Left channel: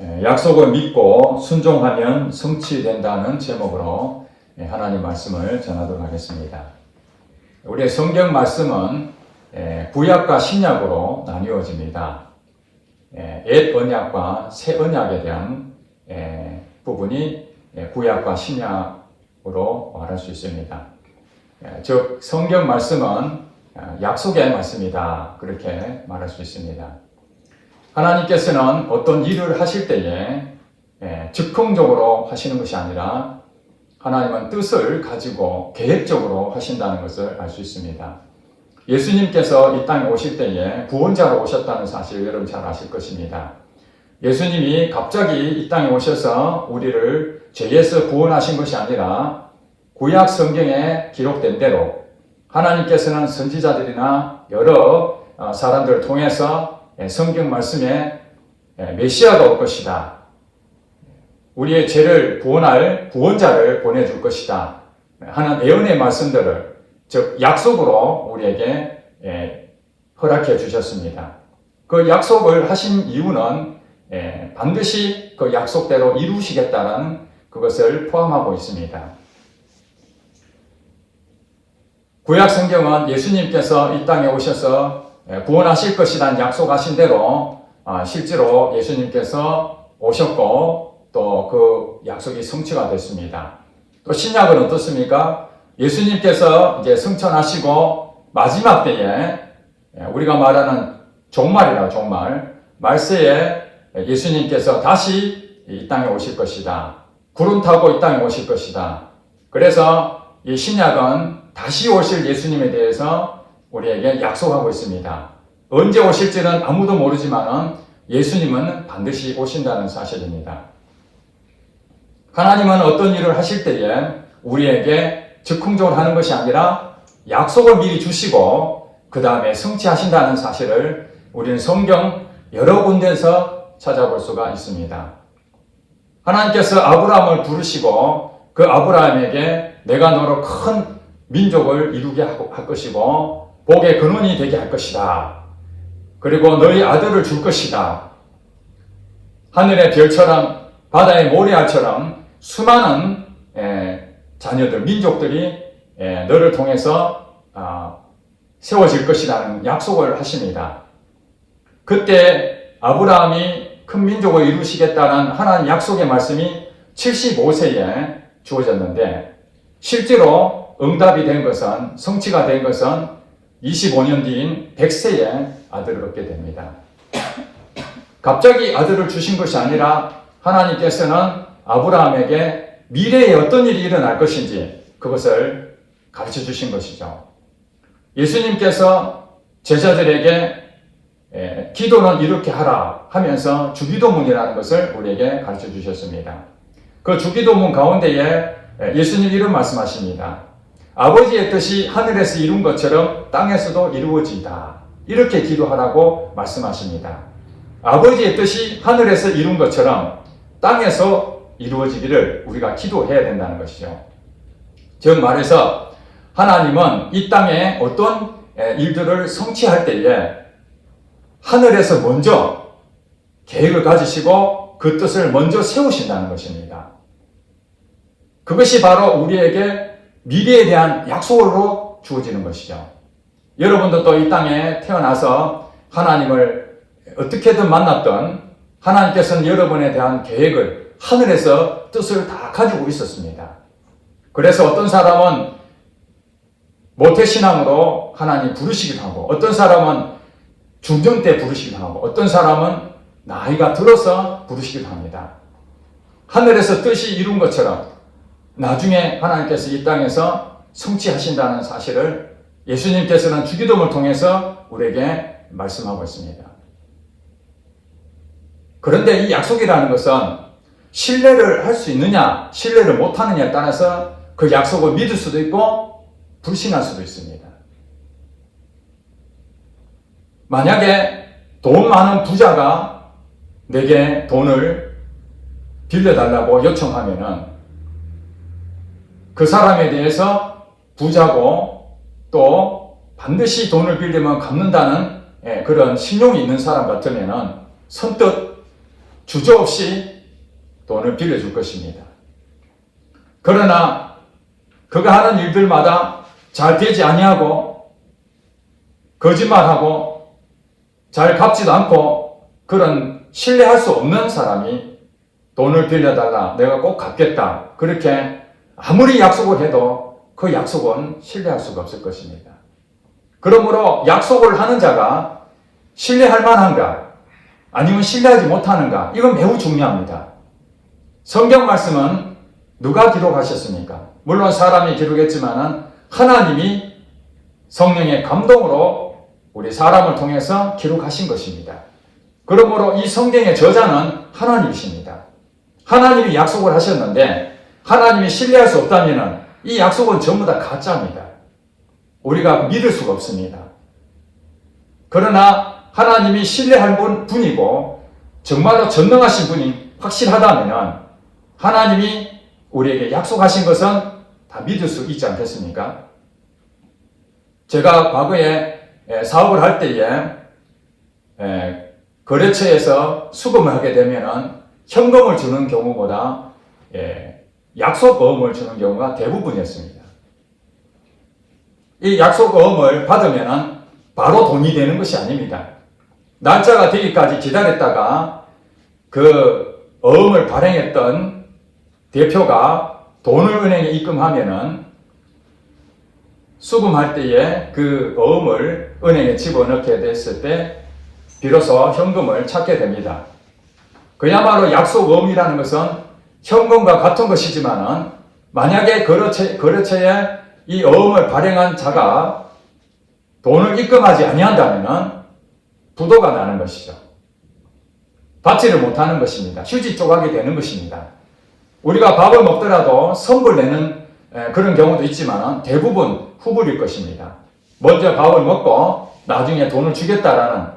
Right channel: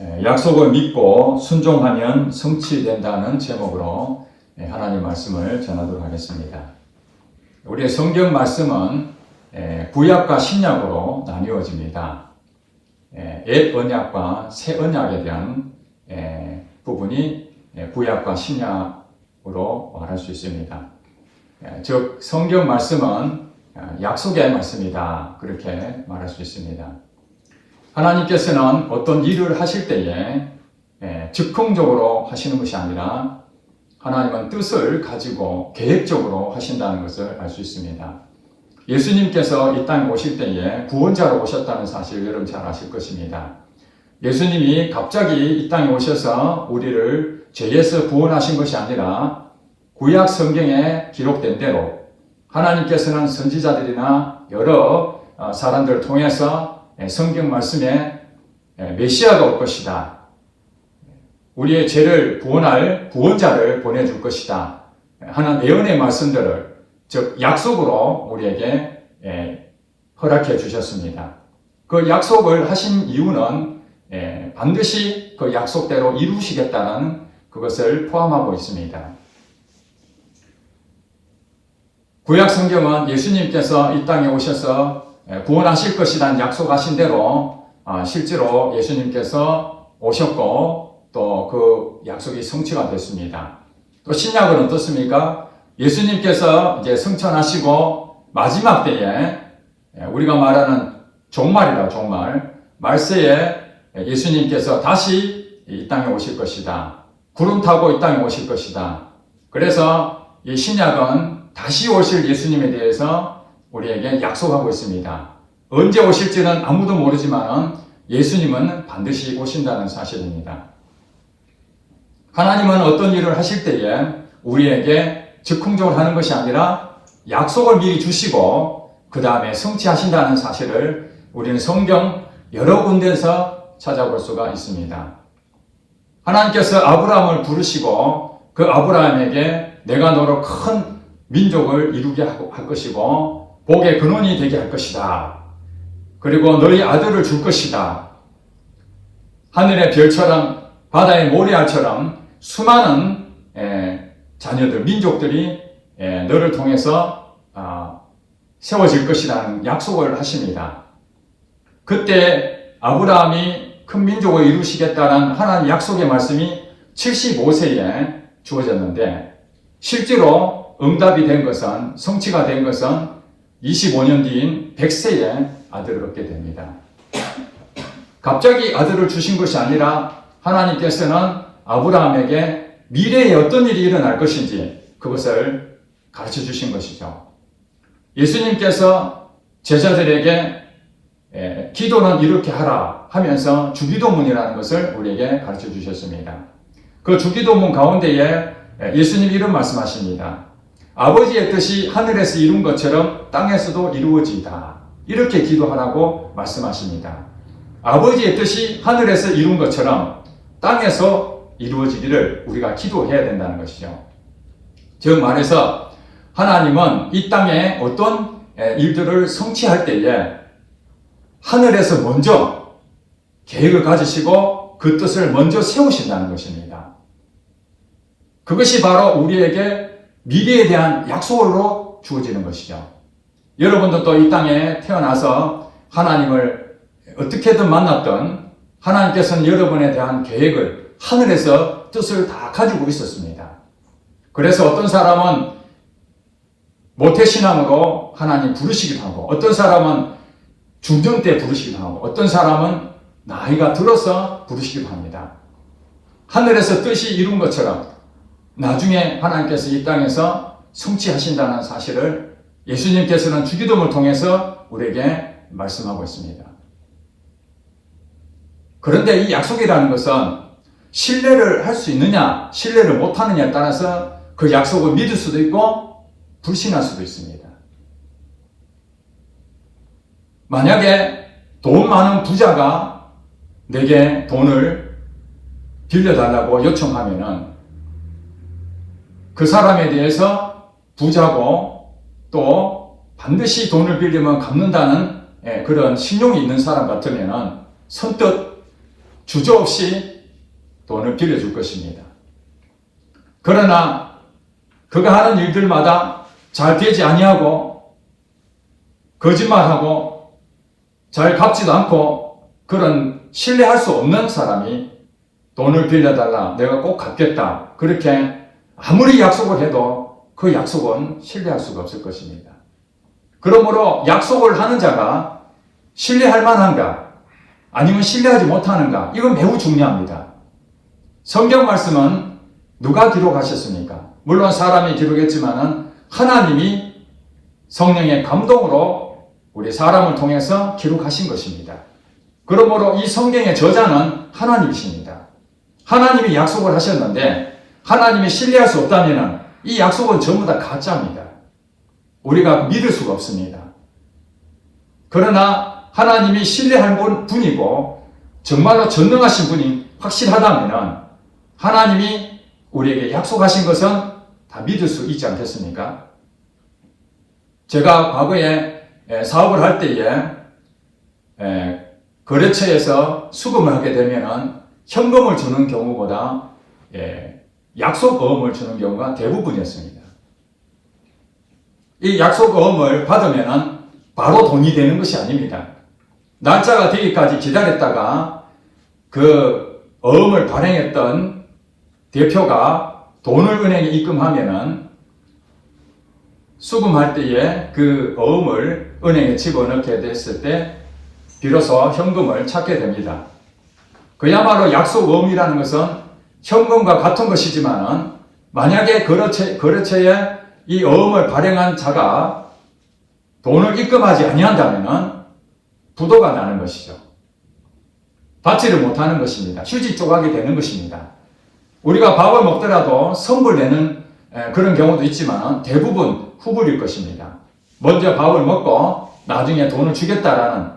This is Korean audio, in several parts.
약속을 믿고 순종하면 성취된다는 제목으로 하나님 말씀을 전하도록 하겠습니다. 우리의 성경 말씀은 구약과 신약으로 나뉘어집니다. 옛 언약과 새 언약에 대한 부분이 구약과 신약으로 말할 수 있습니다. 즉 성경 말씀은 약속의 말씀이다, 그렇게 말할 수 있습니다. 하나님께서는 어떤 일을 하실 때에 즉흥적으로 하시는 것이 아니라 하나님은 뜻을 가지고 계획적으로 하신다는 것을 알 수 있습니다. 예수님께서 이 땅에 오실 때에 구원자로 오셨다는 사실을 여러분 잘 아실 것입니다. 예수님이 갑자기 이 땅에 오셔서 우리를 죄에서 구원하신 것이 아니라 구약 성경에 기록된 대로 하나님께서는 선지자들이나 여러 사람들을 통해서 성경 말씀에 메시아가 올 것이다, 우리의 죄를 구원할 구원자를 보내줄 것이다 하는 예언의 말씀들을, 즉 약속으로 우리에게 허락해 주셨습니다. 그 약속을 하신 이유는 반드시 그 약속대로 이루시겠다는 그것을 포함하고 있습니다. 구약 성경은 예수님께서 이 땅에 오셔서 구원하실 것이란 약속하신 대로 실제로 예수님께서 오셨고 또 그 약속이 성취가 됐습니다. 또 신약은 어떻습니까? 예수님께서 이제 승천하시고 마지막 때에 우리가 말하는 종말이라고, 종말 말세에 예수님께서 다시 이 땅에 오실 것이다, 구름 타고 이 땅에 오실 것이다. 그래서 이 신약은 다시 오실 예수님에 대해서 우리에게 약속하고 있습니다. 언제 오실지는 아무도 모르지만 예수님은 반드시 오신다는 사실입니다. 하나님은 어떤 일을 하실 때에 우리에게 즉흥적으로 하는 것이 아니라 약속을 미리 주시고 그 다음에 성취하신다는 사실을 우리는 성경 여러 군데에서 찾아볼 수가 있습니다. 하나님께서 아브라함을 부르시고 그 아브라함에게 내가 너로 큰 민족을 이루게 할 것이고 복의 근원이 되게 할 것이다, 그리고 너희 아들을 줄 것이다, 하늘의 별처럼 바다의 모래알처럼 수많은 자녀들, 민족들이 너를 통해서 세워질 것이라는 약속을 하십니다. 그때 아브라함이 큰 민족을 이루시겠다는 하나님 약속의 말씀이 75세에 주어졌는데 실제로 응답이 된 것은, 성취가 된 것은 25년 뒤인 100세에 아들을 얻게 됩니다. 갑자기 아들을 주신 것이 아니라 하나님께서는 아브라함에게 미래에 어떤 일이 일어날 것인지 그것을 가르쳐 주신 것이죠. 예수님께서 제자들에게 기도는 이렇게 하라 하면서 주기도문이라는 것을 우리에게 가르쳐 주셨습니다. 그 주기도문 가운데에 예수님 이런 말씀하십니다. 아버지의 뜻이 하늘에서 이룬 것처럼 땅에서도 이루어지이다, 이렇게 기도하라고 말씀하십니다. 아버지의 뜻이 하늘에서 이룬 것처럼 땅에서 이루어지기를 우리가 기도해야 된다는 것이죠. 즉 말해서 하나님은 이 땅에 어떤 일들을 성취할 때에 하늘에서 먼저 계획을 가지시고 그 뜻을 먼저 세우신다는 것입니다. 그것이 바로 우리에게 미래에 대한 약속으로 주어지는 것이죠. 여러분도 또 이 땅에 태어나서 하나님을 어떻게든 만났던 하나님께서는 여러분에 대한 계획을, 하늘에서 뜻을 다 가지고 있었습니다. 그래서 어떤 사람은 모태신앙으로 하나님 부르시기도 하고, 어떤 사람은 중정 때 부르시기도 하고, 어떤 사람은 나이가 들어서 부르시기도 합니다. 하늘에서 뜻이 이룬 것처럼 나중에 하나님께서 이 땅에서 성취하신다는 사실을 예수님께서는 주기도문을 통해서 우리에게 말씀하고 있습니다. 그런데 이 약속이라는 것은 신뢰를 할 수 있느냐, 신뢰를 못하느냐에 따라서 그 약속을 믿을 수도 있고 불신할 수도 있습니다. 만약에 돈 많은 부자가 내게 돈을 빌려달라고 요청하면은 그 사람에 대해서 부자고 또 반드시 돈을 빌리면 갚는다는 그런 신용이 있는 사람 같으면은 선뜻 주저없이 돈을 빌려줄 것입니다. 그러나 그가 하는 일들마다 잘 되지 아니하고 거짓말하고 잘 갚지도 않고 그런 신뢰할 수 없는 사람이 돈을 빌려달라, 내가 꼭 갚겠다, 그렇게 아무리 약속을 해도 그 약속은 신뢰할 수가 없을 것입니다. 그러므로 약속을 하는 자가 신뢰할 만한가 아니면 신뢰하지 못하는가, 이건 매우 중요합니다. 성경 말씀은 누가 기록하셨습니까? 물론 사람이 기록했지만은 하나님이 성령의 감동으로 우리 사람을 통해서 기록하신 것입니다. 그러므로 이 성경의 저자는 하나님이십니다. 하나님이 약속을 하셨는데 하나님이 신뢰할 수 없다면 이 약속은 전부 다 가짜입니다. 우리가 믿을 수가 없습니다. 그러나 하나님이 신뢰할 분이고 정말로 전능하신 분이 확실하다면 하나님이 우리에게 약속하신 것은 다 믿을 수 있지 않겠습니까? 제가 과거에 사업을 할 때에 거래처에서 수금을 하게 되면 현금을 주는 경우보다 약속어음을 주는 경우가 대부분이었습니다. 이 약속어음을 받으면 바로 돈이 되는 것이 아닙니다. 날짜가 되기까지 기다렸다가 그 어음을 발행했던 대표가 돈을 은행에 입금하면은 수금할 때에 그 어음을 은행에 집어넣게 됐을 때 비로소 현금을 찾게 됩니다. 그야말로 약속어음이라는 것은 현금과 같은 것이지만은 만약에 거래처에 이 어음을 발행한 자가 돈을 입금하지 아니한다면은 부도가 나는 것이죠. 받지를 못하는 것입니다. 휴지 조각이 되는 것입니다. 우리가 밥을 먹더라도 선불 내는 그런 경우도 있지만 대부분 후불일 것입니다. 먼저 밥을 먹고 나중에 돈을 주겠다라는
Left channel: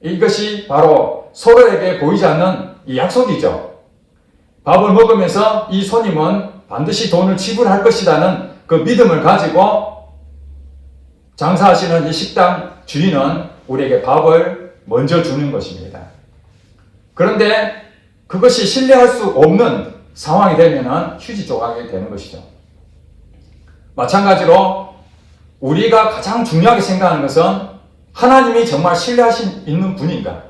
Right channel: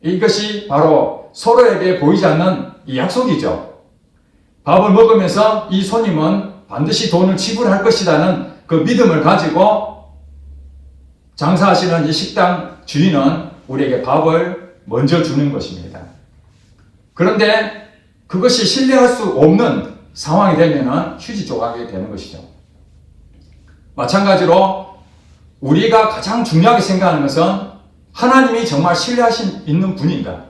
이것이 바로 서로에게 보이지 않는 이 약속이죠. 밥을 먹으면서 이 손님은 반드시 돈을 지불할 것이라는 그 믿음을 가지고 장사하시는 이 식당 주인은 우리에게 밥을 먼저 주는 것입니다. 그런데 그것이 신뢰할 수 없는 상황이 되면 휴지 조각이 되는 것이죠. 마찬가지로 우리가 가장 중요하게 생각하는 것은 하나님이 정말 신뢰하신 있는 분인가?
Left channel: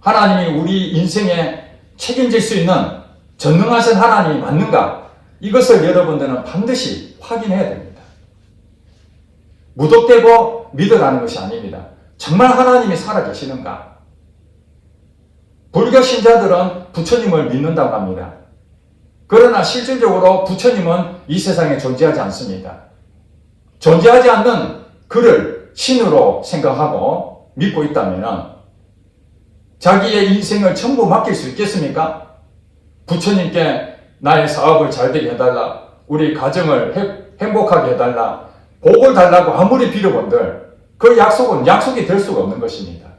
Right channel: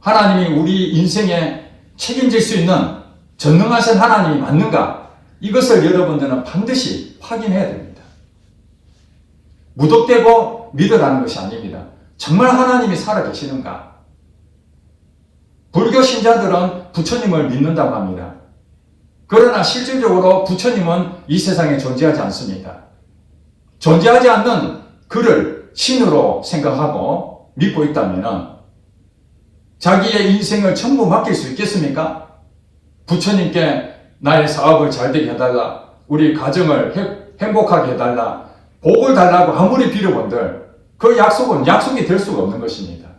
하나님이 우리 인생에 책임질 수 있는 전능하신 하나님이 맞는가? 이것을 여러분들은 반드시 확인해야 됩니다. 무턱대고 믿으라는 것이 아닙니다. 정말 하나님이 살아계시는가? 불교 신자들은 부처님을 믿는다고 합니다. 그러나 실질적으로 부처님은 이 세상에 존재하지 않습니다. 존재하지 않는 그를 신으로 생각하고 믿고 있다면 자기의 인생을 전부 맡길 수 있겠습니까? 부처님께 나의 사업을 잘 되게 해달라, 우리 가정을 행복하게 해달라, 복을 달라고 아무리 빌어본들 그 약속은 약속이 될 수가 없는 것입니다.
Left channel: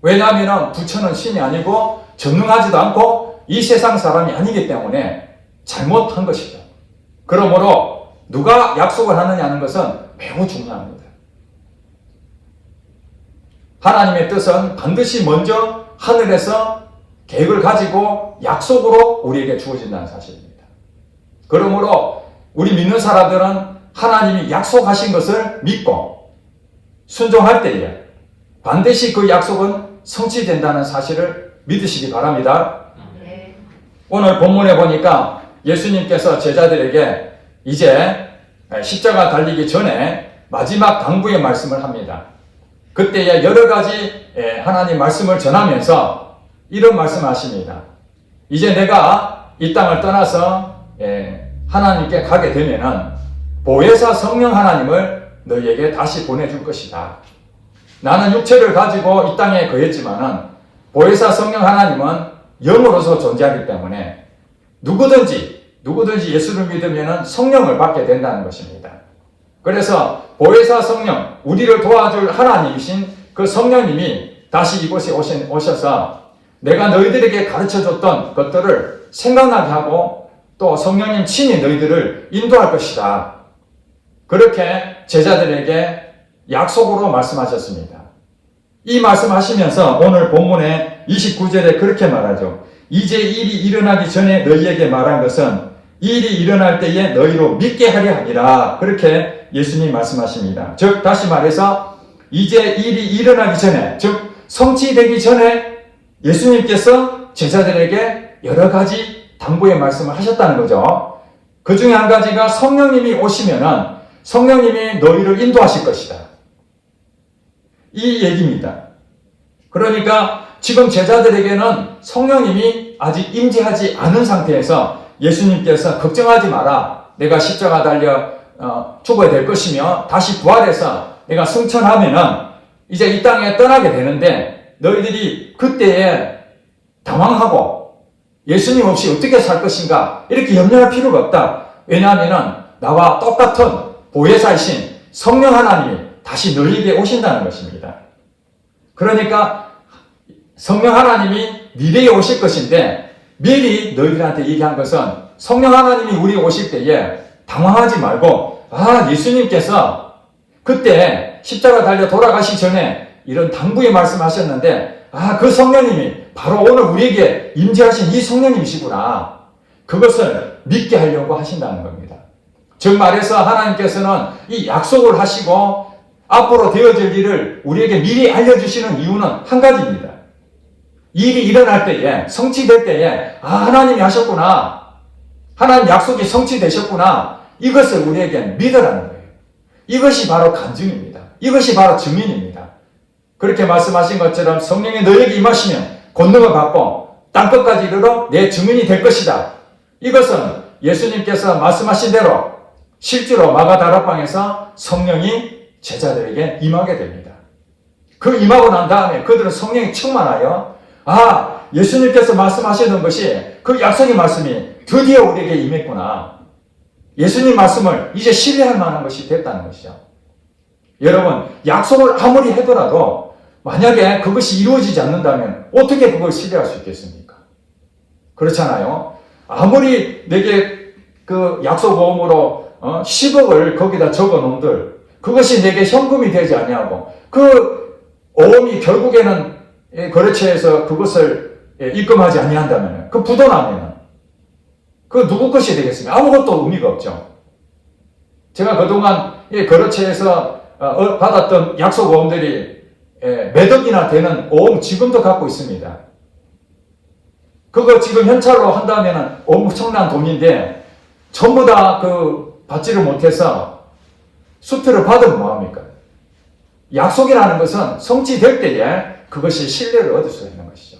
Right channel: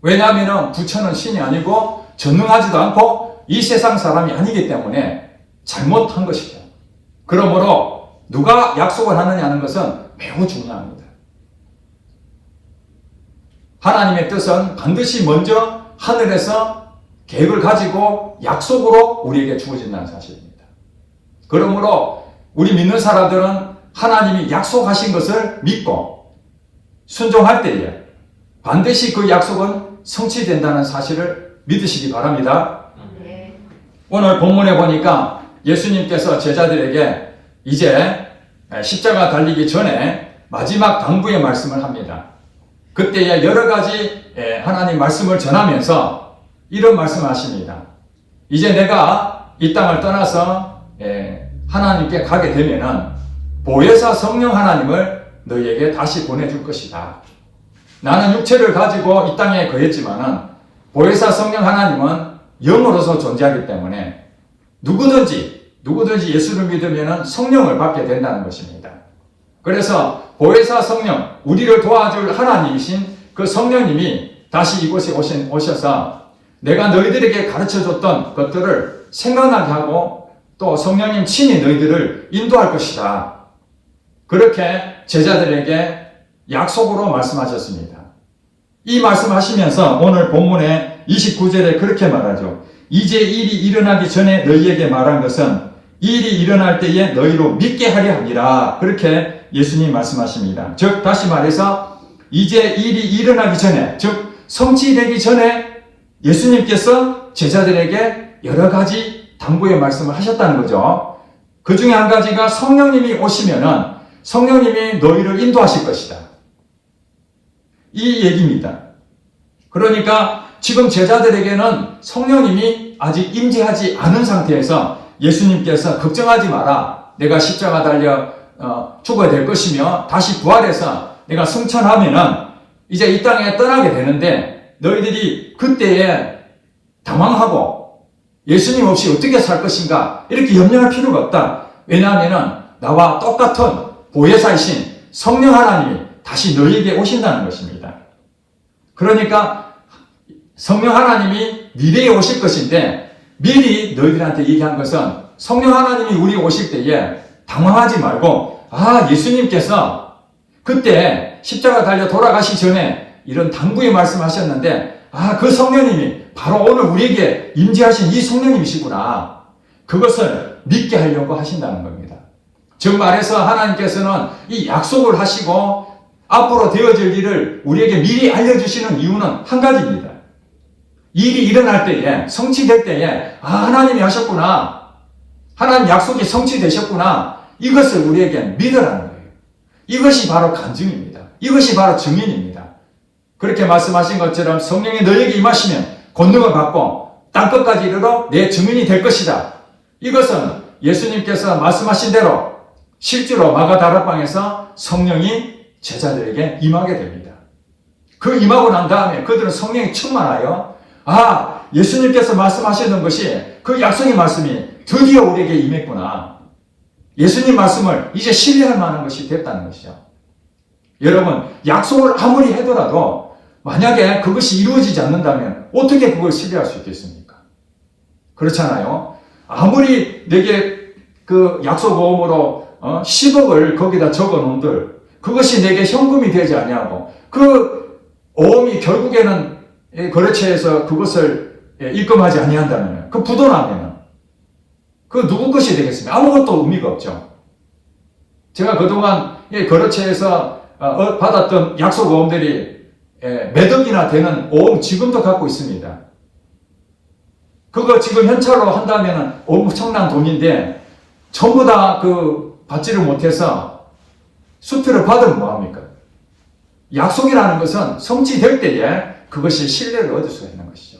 왜냐하면 부처는 신이 아니고 전능하지도 않고 이 세상 사람이 아니기 때문에 잘못한 것이죠. 그러므로 누가 약속을 하느냐는 것은 매우 중요합니다. 하나님의 뜻은 반드시 먼저 하늘에서 계획을 가지고 약속으로 우리에게 주어진다는 사실입니다. 그러므로 우리 믿는 사람들은 하나님이 약속하신 것을 믿고 순종할 때에 반드시 그 약속은 성취된다는 사실을 믿으시기 바랍니다. 오늘 본문에 보니까 예수님께서 제자들에게 이제 십자가 달리기 전에 마지막 당부의 말씀을 합니다. 그때에 여러 가지 하나님 말씀을 전하면서 이런 말씀을 하십니다. 이제 내가 이 땅을 떠나서 하나님께 가게 되면은 보혜사 성령 하나님을 너희에게 다시 보내줄 것이다. 나는 육체를 가지고 이 땅에 거했지만은 보혜사 성령 하나님은 영으로서 존재하기 때문에 누구든지 예수를 믿으면 성령을 받게 된다는 것입니다. 그래서 보혜사 성령, 우리를 도와줄 하나님이신 그 성령님이 다시 이곳에 오셔서 내가 너희들에게 가르쳐줬던 것들을 생각나게 하고 또 성령님 친히 너희들을 인도할 것이다. 그렇게 제자들에게 약속으로 말씀하셨습니다. 이 말씀하시면서 오늘 본문의 29절에 그렇게 말하죠. 이제 일이 일어나기 전에 너희에게 말한 것은 일이 일어날 때에 너희로 믿게 하려 함이라. 그렇게 예수님 말씀하십니다. 즉 다시 말해서 이제 일이 일어나기 전에, 즉 성취되기 전에 예수님께서 제자들에게 여러 가지 당부의 말씀을 하셨다는 거죠. 그 중에 한 가지가 성령님이 오시면은 성령님이 너희를 인도하실 것이다. 이 얘기입니다. 그러니까 지금 제자들에게는 성령님이 아직 임재하지 않은 상태에서 예수님께서 걱정하지 마라. 내가 십자가 달려 죽어야 될 것이며 다시 부활해서 내가 승천하면은 이제 이 땅에 떠나게 되는데 너희들이 그때에 당황하고 예수님 없이 어떻게 살 것인가 이렇게 염려할 필요가 없다. 왜냐하면은 나와 똑같은 보혜사이신 성령 하나님이 다시 너희에게 오신다는 것입니다. 그러니까 성령 하나님이 미래에 오실 것인데 미리 너희들한테 얘기한 것은 성령 하나님이 우리 오실 때에 당황하지 말고 예수님께서 그때 십자가 달려 돌아가시 전에 이런 당부의 말씀하셨는데 그 성령님이 바로 오늘 우리에게 임재하신 이 성령님이시구나. 그것을 믿게 하려고 하신다는 겁니다. 즉 말해서 하나님께서는 이 약속을 하시고 앞으로 되어질 일을 우리에게 미리 알려주시는 이유는 한 가지입니다. 일이 일어날 때에, 성취될 때에 하나님이 하셨구나. 하나님 약속이 성취되셨구나. 이것을 우리에게 믿으라는 거예요. 이것이 바로 간증입니다. 이것이 바로 증인입니다. 그렇게 말씀하신 것처럼 성령이 너에게 임하시면 권능을 받고 땅끝까지 이르러 내 증인이 될 것이다. 이것은 예수님께서 말씀하신 대로 실제로 마가다락방에서 성령이 제자들에게 임하게 됩니다. 그 임하고 난 다음에 그들은 성령이 충만하여 예수님께서 말씀하시는 것이 그 약속의 말씀이 드디어 우리에게 임했구나. 예수님 말씀을 이제 신뢰할 만한 것이 됐다는 것이죠. 여러분, 약속을 아무리 해더라도 만약에 그것이 이루어지지 않는다면 어떻게 그걸 신뢰할 수 있겠습니까? 그렇잖아요. 아무리 내게 그 약속보험으로 10억을 거기다 적어 놓은들 그것이 내게 현금이 되지 아니하고 그 오음이 결국에는 거래처에서 그것을 입금하지 아니한다면 그 부도나면 그 누구 것이 되겠습니까? 아무것도 의미가 없죠. 제가 그동안 거래처에서 받았던 약속 오음들이 몇 억이나 되는 오음 지금도 갖고 있습니다. 그거 지금 현찰로 한다면 엄청난 돈인데 전부 다 받지를 못해서 수표를 받으면 뭐합니까? 약속이라는 것은 성취될 때에 그것이 신뢰를 얻을 수 있는 것이죠.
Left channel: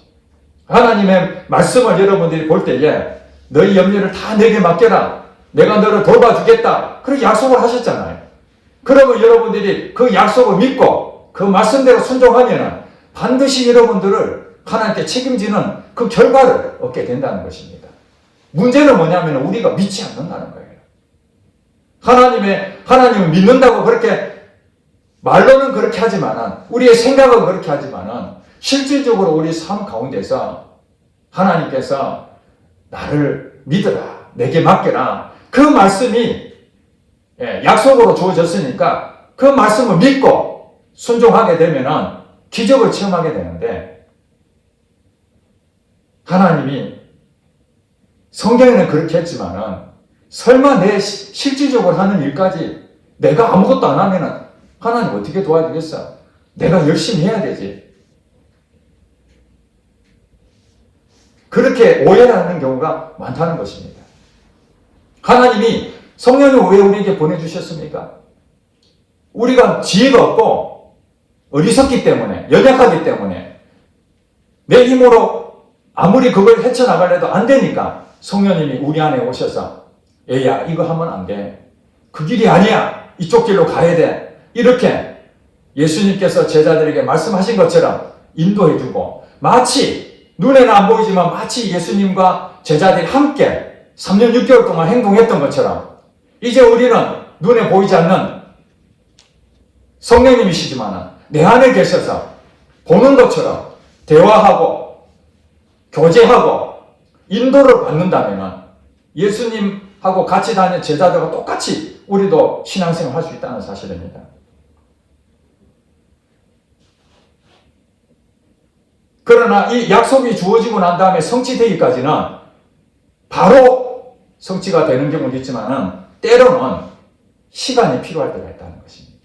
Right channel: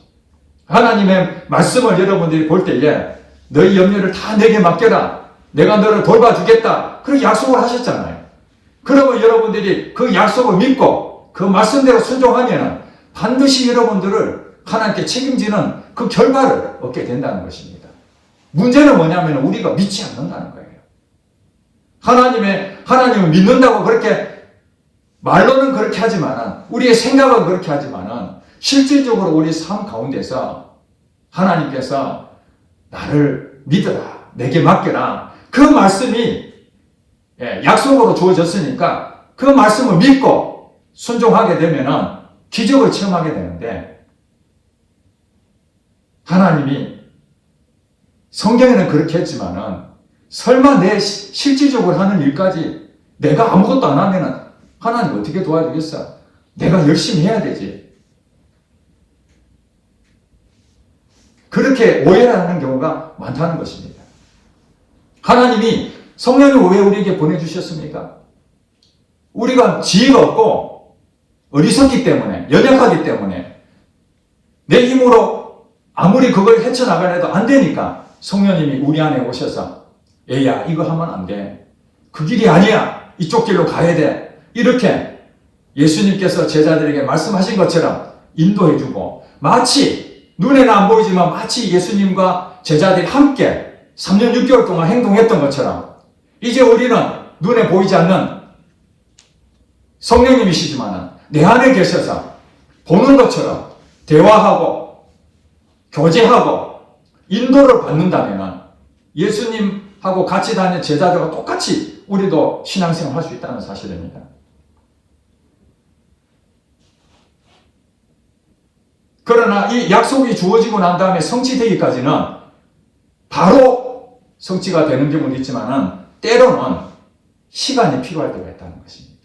하나님의 말씀을 여러분들이 볼 때에 너희 염려를 다 내게 맡겨라. 내가 너를 돌봐주겠다. 그렇게 약속을 하셨잖아요. 그러면 여러분들이 그 약속을 믿고 그 말씀대로 순종하면 반드시 여러분들을 하나님께 책임지는 그 결과를 얻게 된다는 것입니다. 문제는 뭐냐면 우리가 믿지 않는다는 거예요. 하나님을 믿는다고 그렇게 말로는 그렇게 하지만 우리의 생각은 그렇게 하지만 실질적으로 우리 삶 가운데서 하나님께서 나를 믿어라. 내게 맡겨라. 그 말씀이 약속으로 주어졌으니까 그 말씀을 믿고 순종하게 되면 기적을 체험하게 되는데 하나님이 성경에는 그렇게 했지만은 설마 내 실질적으로 하는 일까지 내가 아무것도 안 하면 하나님 어떻게 도와주겠어? 내가 열심히 해야 되지. 그렇게 오해하는 경우가 많다는 것입니다. 하나님이 성령을 왜 우리에게 보내주셨습니까? 우리가 지혜가 없고 어리석기 때문에, 연약하기 때문에 내 힘으로 아무리 그걸 헤쳐나가려도 안 되니까 성령님이 우리 안에 오셔서 얘야 이거 하면 안 돼. 그 길이 아니야. 이쪽 길로 가야 돼. 이렇게 예수님께서 제자들에게 말씀하신 것처럼 인도해주고 마치 눈에는 안 보이지만 마치 예수님과 제자들이 함께 3년 6개월 동안 행동했던 것처럼 이제 우리는 눈에 보이지 않는 성령님이시지만 내 안에 계셔서 보는 것처럼 대화하고 교제하고 인도를 받는다면 예수님하고 같이 다니는 제자들과 똑같이 우리도 신앙생활 할 수 있다는 사실입니다. 그러나 이 약속이 주어지고 난 다음에 성취되기까지는 바로 성취가 되는 경우도 있지만은 때로는 시간이 필요할 때가 있다는 것입니다.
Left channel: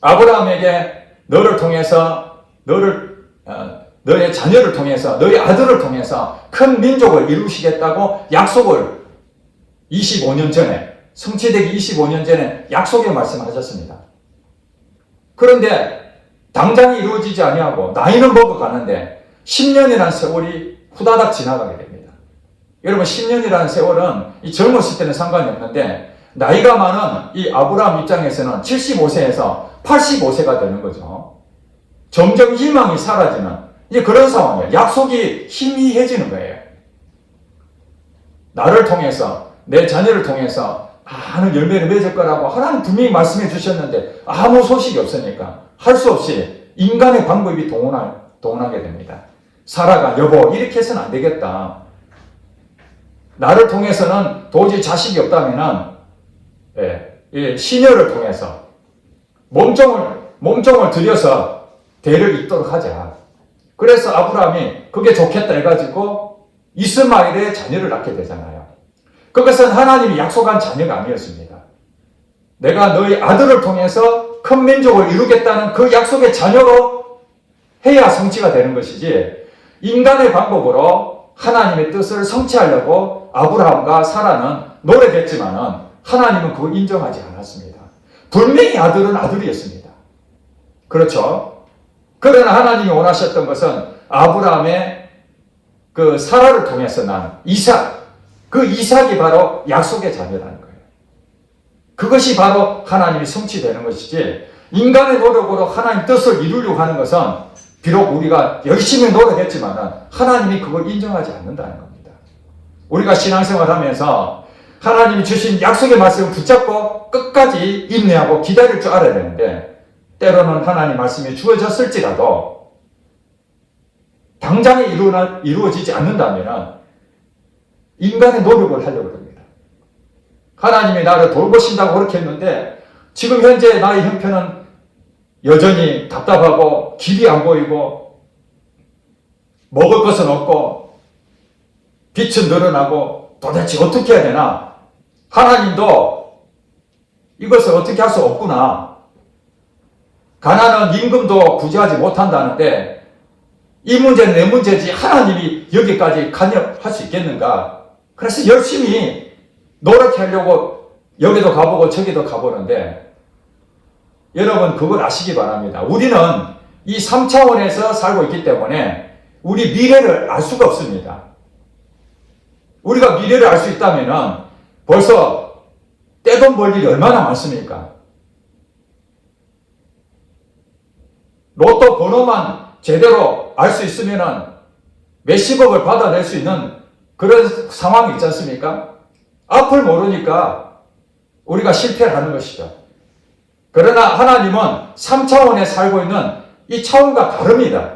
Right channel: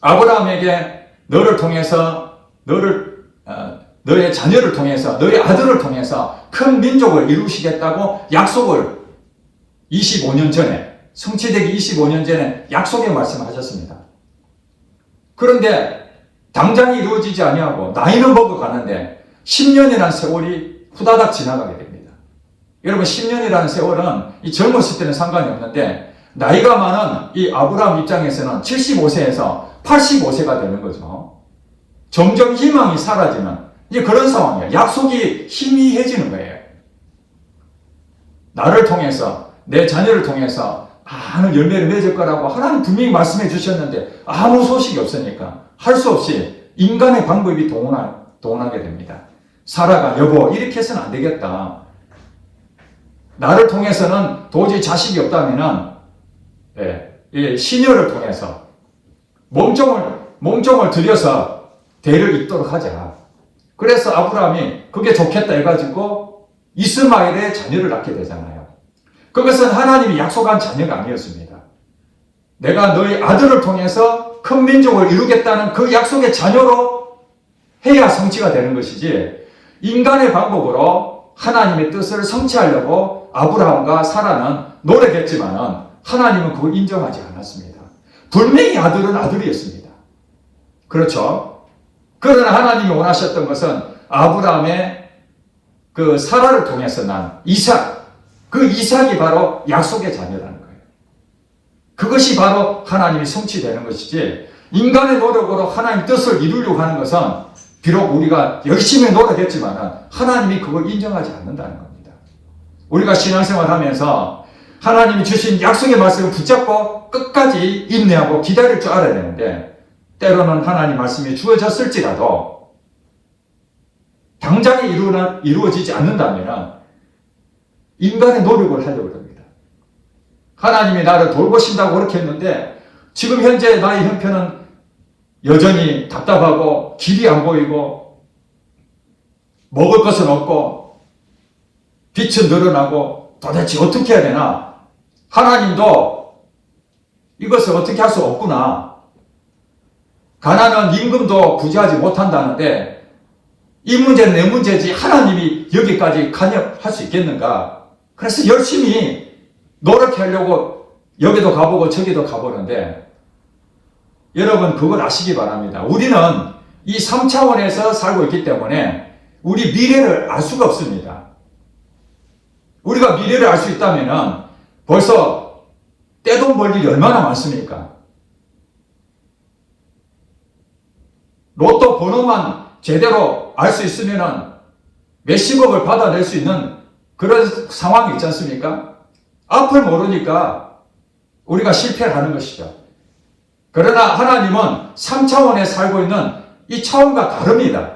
아브라함에게 너를 통해서 너의 자녀를 통해서 너의 아들을 통해서 큰 민족을 이루시겠다고 약속을 25년 전에 성취되기 25년 전에 약속의 말씀하셨습니다. 그런데 당장이 이루어지지 아니하고 나이는 먹어가는데 10년이라는 세월이 후다닥 지나가게 됩니다. 여러분 10년이라는 세월은 이 젊었을 때는 상관이 없는데 나이가 많은 이 아브라함 입장에서는 75세에서 85세가 되는 거죠. 점점 희망이 사라지는 이제 그런 상황이에요. 약속이 희미해지는 거예요. 나를 통해서 내 자녀를 통해서 많은 열매를 맺을 거라고 하나님 분명히 말씀해 주셨는데 아무 소식이 없으니까 할 수 없이 인간의 방법이 동원하게 됩니다. 사라가 여보 이렇게 해서는 안 되겠다. 나를 통해서는 도저히 자식이 없다면은 시녀를 통해서 몸종을 들여서 대를 잇도록 하자. 그래서 아브라함이 그게 좋겠다 해가지고 이스마엘의 자녀를 낳게 되잖아요. 그것은 하나님이 약속한 자녀가 아니었습니다. 내가 너희 아들을 통해서 큰 민족을 이루겠다는 그 약속의 자녀로 해야 성취가 되는 것이지 인간의 방법으로 하나님의 뜻을 성취하려고 아브라함과 사라는 노력했지만은 하나님은 그걸 인정하지 않았습니다. 분명히 아들은 아들이었습니다. 그렇죠? 그러나 하나님이 원하셨던 것은 아브라함의 그 사라를 통해서 난 이삭, 그 이삭이 바로 약속의 자녀라는 거예요. 그것이 바로 하나님이 성취되는 것이지 인간의 노력으로 하나님 뜻을 이루려고 하는 것은 비록 우리가 열심히 노력했지만 하나님이 그걸 인정하지 않는다는 겁니다. 우리가 신앙생활을 하면서 하나님이 주신 약속의 말씀을 붙잡고 끝까지 인내하고 기다릴 줄 알아야 되는데 때로는 하나님 말씀이 주어졌을지라도 당장에 이루어지지 않는다면 인간의 노력을 하려고 합니다. 하나님이 나를 돌보신다고 그렇게 했는데 지금 현재 나의 형편은 여전히 답답하고 길이 안 보이고 먹을 것은 없고 빛은 늘어나고 도대체 어떻게 해야 되나? 하나님도 이것을 어떻게 할 수 없구나. 가난한 임금도 구제하지 못한다는데 이 문제는 내 문제지 하나님이 여기까지 관여할 수 있겠는가? 그래서 열심히 노력하려고 여기도 가보고 저기도 가보는데 여러분 그걸 아시기 바랍니다. 우리는 이 3차원에서 살고 있기 때문에 우리 미래를 알 수가 없습니다. 우리가 미래를 알 수 있다면 벌써 떼돈 벌 일이 얼마나 많습니까? 로또 번호만 제대로 알 수 있으면 몇십억을 받아낼 수 있는 그런 상황이 있지 않습니까? 앞을 모르니까 우리가 실패를 하는 것이죠. 그러나 하나님은 3차원에 살고 있는 이 차원과 다릅니다.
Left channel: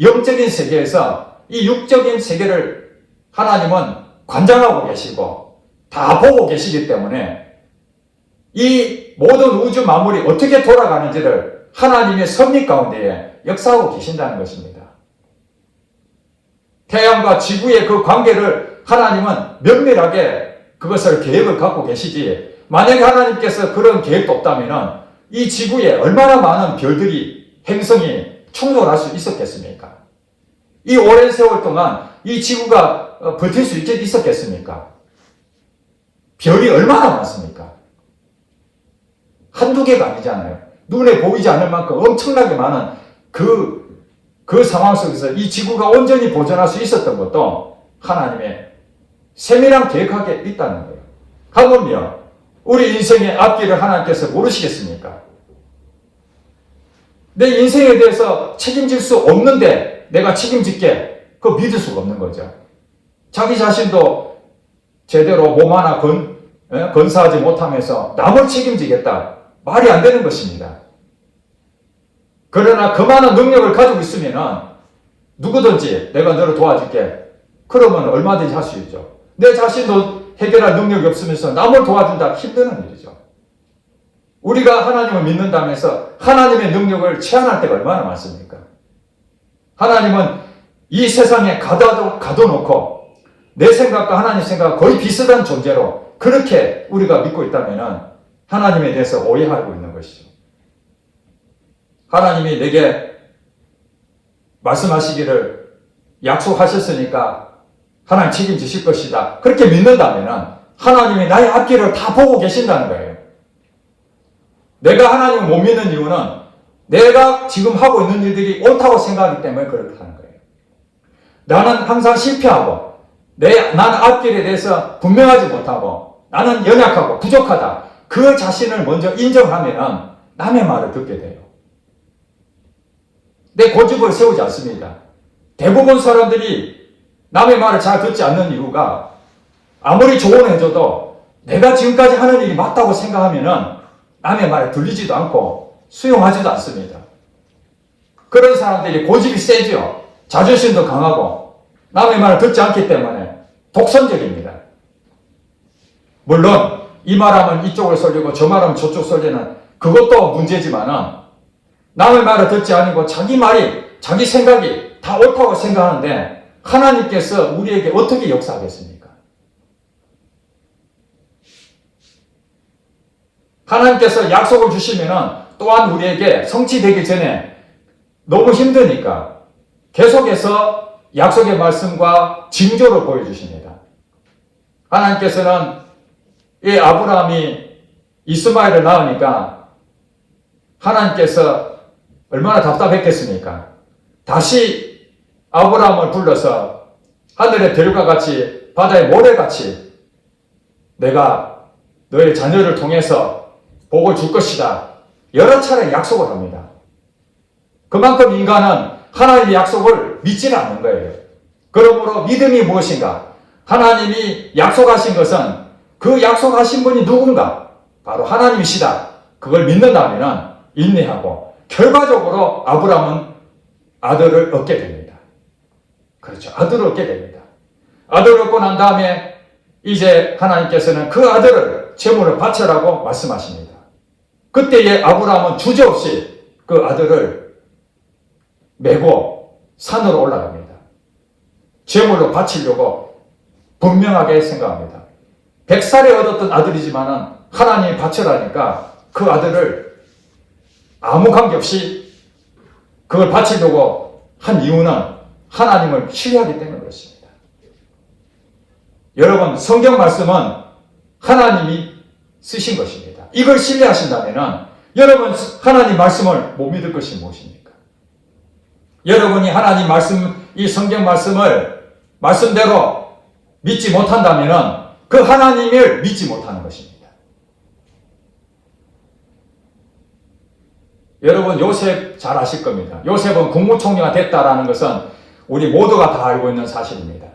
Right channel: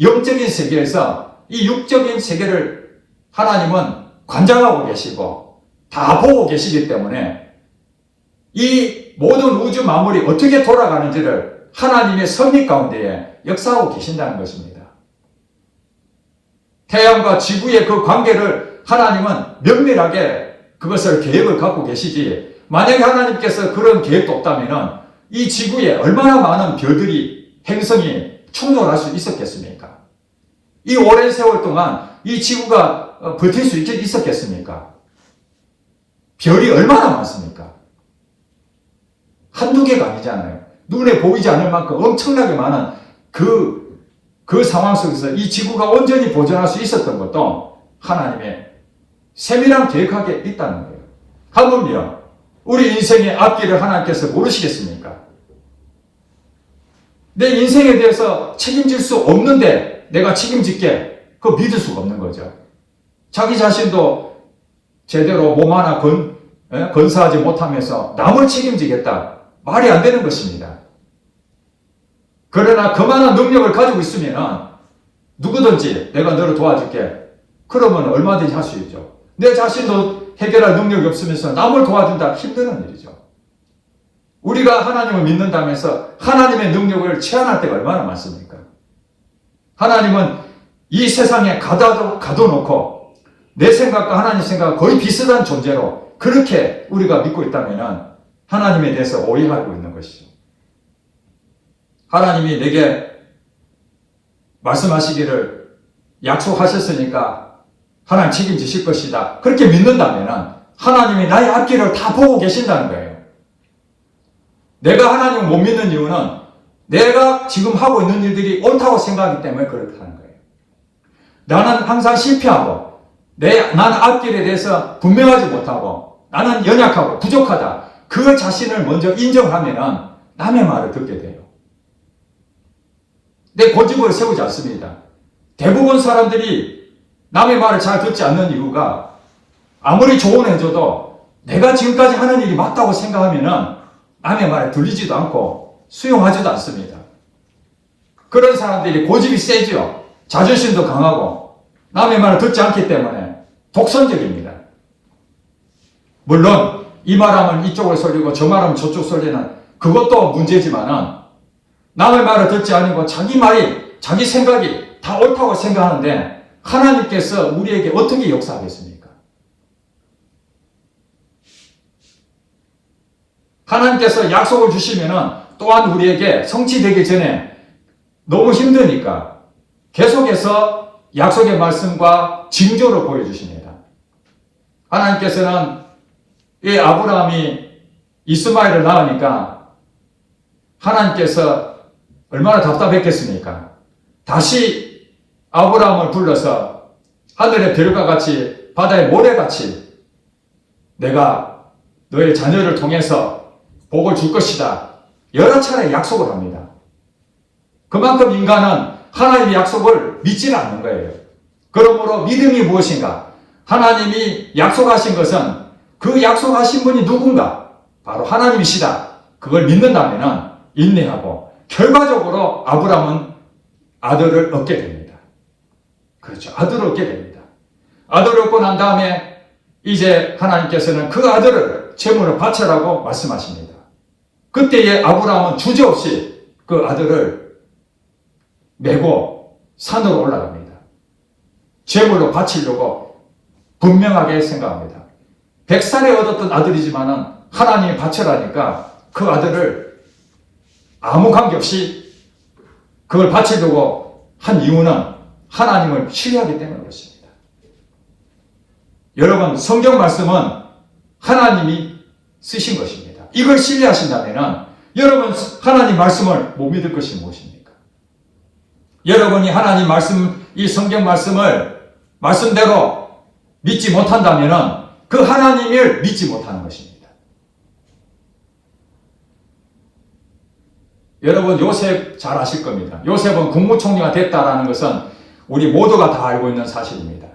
영적인 세계에서 이 육적인 세계를 하나님은 관장하고 계시고 다 보고 계시기 때문에 이 모든 우주 만물이 어떻게 돌아가는지를 하나님의 섭리 가운데에 역사하고 계신다는 것입니다. 태양과 지구의 그 관계를 하나님은 면밀하게 그것을 계획을 갖고 계시지 만약에 하나님께서 그런 계획도 없다면 이 지구에 얼마나 많은 별들이 행성이 충돌할 수 있었겠습니까? 이 오랜 세월 동안 이 지구가 버틸 수 있었겠습니까? 별이 얼마나 많습니까? 한두 개가 아니잖아요. 눈에 보이지 않을 만큼 엄청나게 많은 그 상황 속에서 이 지구가 온전히 보존할 수 있었던 것도 하나님의 세밀한 계획하게 있다는 거예요. 하물며 우리 인생의 앞길을 하나님께서 모르시겠습니까? 내 인생에 대해서 책임질 수 없는데 내가 책임질게 그거 믿을 수가 없는 거죠. 자기 자신도 제대로 몸 하나 건사하지 못하면서 남을 책임지겠다. 말이 안 되는 것입니다. 그러나 그만한 능력을 가지고 있으면 누구든지 내가 너를 도와줄게. 그러면 얼마든지 할 수 있죠. 내 자신도 해결할 능력이 없으면서 남을 도와준다 힘드는 일이죠. 우리가 하나님을 믿는다면서 하나님의 능력을 체험할 때가 얼마나 많습니까? 하나님은 이 세상에 가둬놓고 내 생각과 하나님 생각과 거의 비슷한 존재로 그렇게 우리가 믿고 있다면 하나님에 대해서 오해하고 있는 것이죠. 하나님이 내게 말씀하시기를 약속하셨으니까 하나님 책임지실 것이다. 그렇게 믿는다면 하나님이 나의 앞길을 다 보고 계신다는 거예요. 내가 하나님을 못 믿는 이유는 내가 지금 하고 있는 일들이 옳다고 생각하기 때문에 그렇게 하는 거예요. 나는 항상 실패하고 나는 앞길에 대해서 분명하지 못하고 나는 연약하고 부족하다. 그 자신을 먼저 인정하면 남의 말을 듣게 돼요. 내 고집을 세우지 않습니다. 대부분 사람들이 남의 말을 잘 듣지 않는 이유가 아무리 조언을 해줘도 내가 지금까지 하는 일이 맞다고 생각하면 남의 말에 들리지도 않고 수용하지도 않습니다. 그런 사람들이 고집이 세죠. 자존심도 강하고 남의 말을 듣지 않기 때문에 독선적입니다. 물론 이 말하면 이쪽을 쏠리고 저 말하면 저쪽 쏠리는 그것도 문제지만 남의 말을 듣지 않고 자기 말이 자기 생각이 다 옳다고 생각하는데 하나님께서 우리에게 어떻게 역사하겠습니까? 하나님께서 약속을 주시면 또한 우리에게 성취되기 전에 너무 힘드니까 계속해서 약속의 말씀과 징조를 보여주십니다. 하나님께서는 이 아브라함이 이스마엘을 낳으니까 하나님께서 얼마나 답답했겠습니까? 다시 아브라함을 불러서 하늘의 별과 같이 바다의 모래같이 내가 너의 자녀를 통해서 복을 줄 것이다. 여러 차례 약속을 합니다. 그만큼 인간은 하나님의 약속을 믿지는 않는 거예요. 그러므로 믿음이 무엇인가? 하나님이 약속하신 것은 그 약속하신 분이 누군가? 바로 하나님이시다. 그걸 믿는다면 인내하고 결과적으로 아브라함은 아들을 얻게 됩니다. 그렇죠. 아들을 얻게 됩니다. 아들을 얻고 난 다음에 이제 하나님께서는 그 아들을 제물을 바쳐라고 말씀하십니다. 그때에 아브라함은 주저없이 그 아들을 메고 산으로 올라갑니다. 제물로 바치려고 분명하게 생각합니다. 100살에 얻었던 아들이지만 하나님이 바쳐라니까 그 아들을 아무 관계없이 그걸 바치려고 한 이유는 하나님을 신뢰하기 때문에 그렇습니다. 여러분, 성경 말씀은 하나님이 쓰신 것입니다. 이걸 신뢰하신다면 여러분 하나님 말씀을 못 믿을 것이 무엇입니까? 여러분이 하나님 말씀, 이 성경 말씀을 말씀대로 믿지 못한다면 그 하나님을 믿지 못하는 것입니다. 여러분 요셉 잘 아실 겁니다. 요셉은 국무총리가 됐다라는 것은 우리 모두가 다 알고 있는 사실입니다.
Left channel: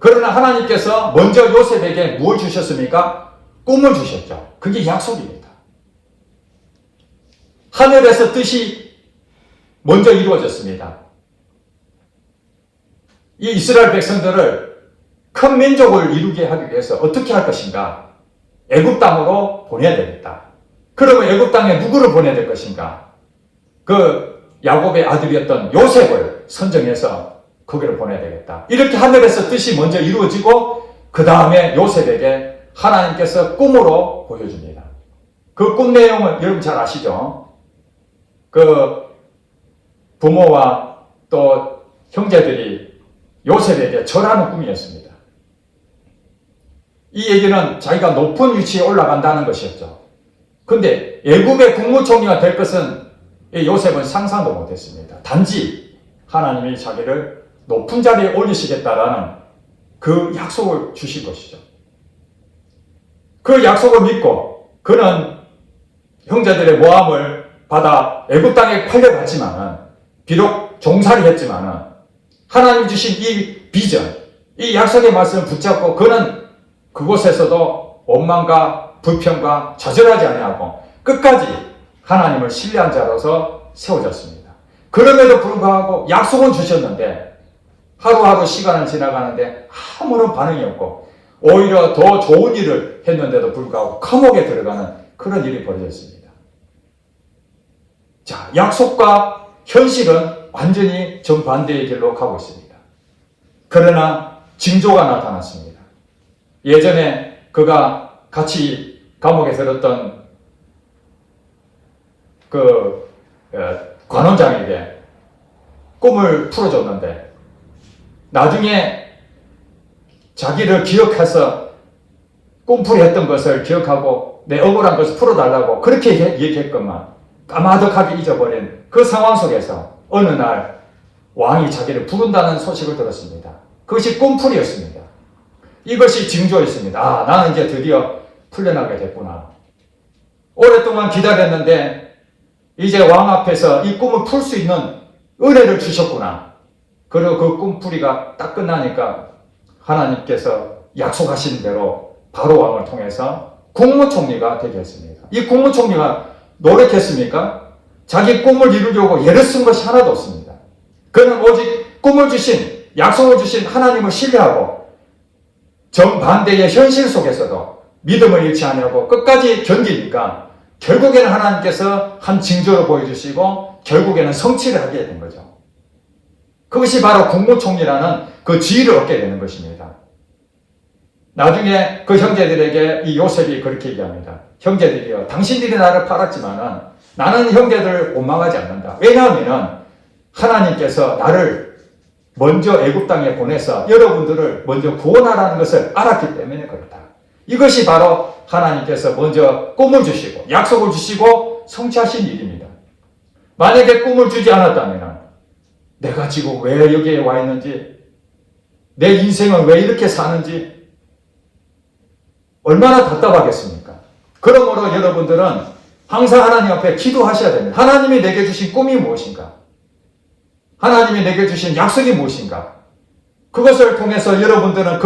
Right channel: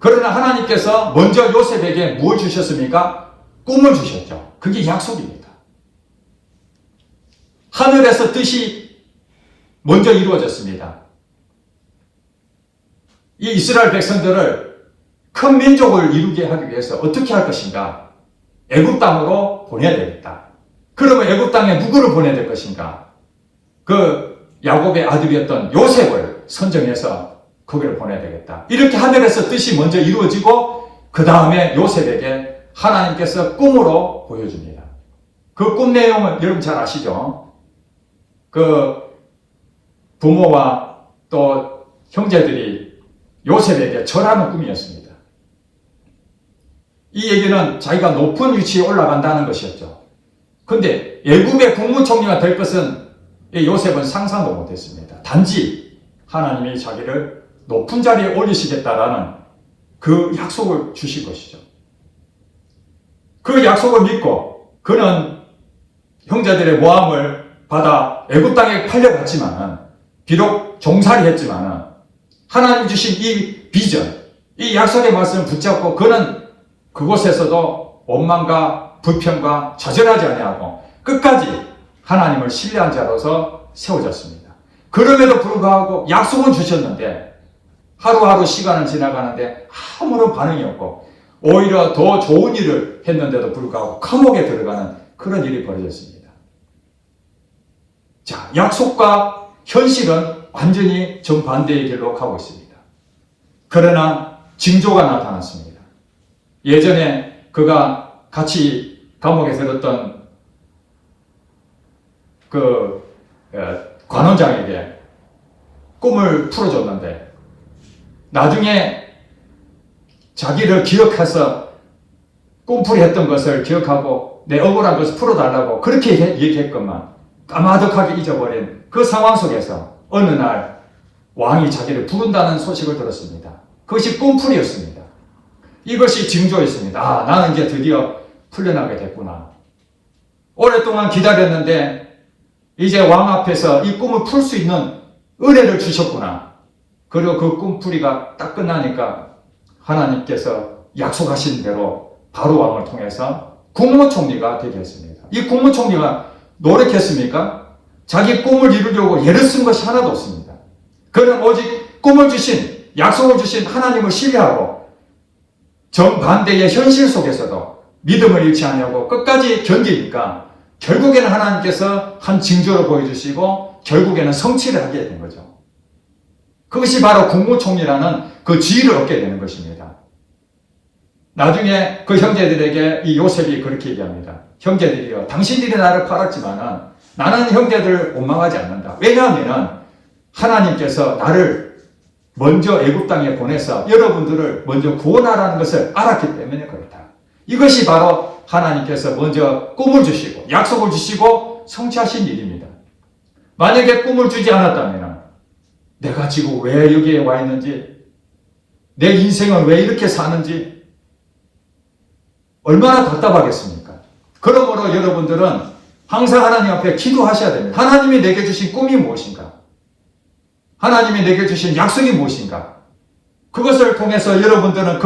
그러나 하나님께서 먼저 요셉에게 무엇을 주셨습니까? 꿈을 주셨죠. 그게 약속입니다. 하늘에서 뜻이 먼저 이루어졌습니다. 이 이스라엘 백성들을 큰 민족을 이루게 하기 위해서 어떻게 할 것인가? 애굽 땅으로 보내야 되겠다. 그러면 애굽 땅에 누구를 보내야 될 것인가? 그 야곱의 아들이었던 요셉을 선정해서 거기를 보내야 되겠다. 이렇게 하늘에서 뜻이 먼저 이루어지고 그 다음에 요셉에게 하나님께서 꿈으로 보여줍니다. 그 꿈 내용은 여러분 잘 아시죠? 그 부모와 또 형제들이 요셉에게 절하는 꿈이었습니다. 이 얘기는 자기가 높은 위치에 올라간다는 것이었죠. 근데 애굽의 국무총리가 될 것은 요셉은 상상도 못했습니다. 단지 하나님이 자기를 높은 자리에 올리시겠다라는 그 약속을 주신 것이죠. 그 약속을 믿고 그는 형제들의 모함을 받아 애굽 땅에 팔려갔지만 비록 종살이 했지만 하나님 주신 이 비전, 이 약속의 말씀을 붙잡고 그는 그곳에서도 원망과 불평과 좌절하지 아니하고 끝까지 하나님을 신뢰한 자로서 세워졌습니다. 그럼에도 불구하고 약속은 주셨는데 하루하루 시간은 지나가는데 아무런 반응이 없고 오히려 더 좋은 일을 했는데도 불구하고 감옥에 들어가는 그런 일이 벌어졌습니다. 자, 약속과 현실은 완전히 정반대의 길로 가고 있습니다. 그러나 징조가 나타났습니다. 예전에 그가 같이 감옥에 들었던 그 관원장에게 꿈을 풀어줬는데 나중에 자기를 기억해서 꿈풀이 했던 것을 기억하고 내 억울한 것을 풀어달라고 그렇게 얘기했건만 까마득하게 잊어버린 그 상황 속에서 어느 날 왕이 자기를 부른다는 소식을 들었습니다. 그것이 꿈풀이었습니다. 이것이 징조였습니다. 아, 나는 이제 드디어 풀려나게 됐구나. 오랫동안 기다렸는데 이제 왕 앞에서 이 꿈을 풀 수 있는 은혜를 주셨구나. 그리고 그 꿈풀이가 딱 끝나니까 하나님께서 약속하신 대로 바로 왕을 통해서 국무총리가 되게 했습니다. 이 국무총리가 노력했습니까? 자기 꿈을 이루려고 애를 쓴 것이 하나도 없습니다. 그는 오직 꿈을 주신, 약속을 주신 하나님을 신뢰하고 정반대의 현실 속에서도 믿음을 잃지 않으려고 끝까지 견디니까 결국에는 하나님께서 한 징조를 보여주시고 결국에는 성취를 하게 된 거죠. 그것이 바로 국무총리라는 그 지위를 얻게 되는 것입니다. 나중에 그 형제들에게 이 요셉이 그렇게 얘기합니다. 형제들이여, 당신들이 나를 팔았지만은 나는 형제들을 원망하지 않는다. 왜냐하면 하나님께서 나를 먼저 애굽 땅에 보내서 여러분들을 먼저 구원하라는 것을 알았기 때문에 그렇다. 이것이 바로 하나님께서 먼저 꿈을 주시고 약속을 주시고 성취하신 일입니다. 만약에 꿈을 주지 않았다면 내가 지금 왜 여기에 와 있는지, 내 인생을 왜 이렇게 사는지 얼마나 답답하겠습니까? 그러므로 여러분들은 항상 하나님 앞에 기도하셔야 됩니다. 하나님이 내게 주신 꿈이 무엇인가? 하나님이 내게 주신 약속이 무엇인가? 그것을 통해서 여러분들은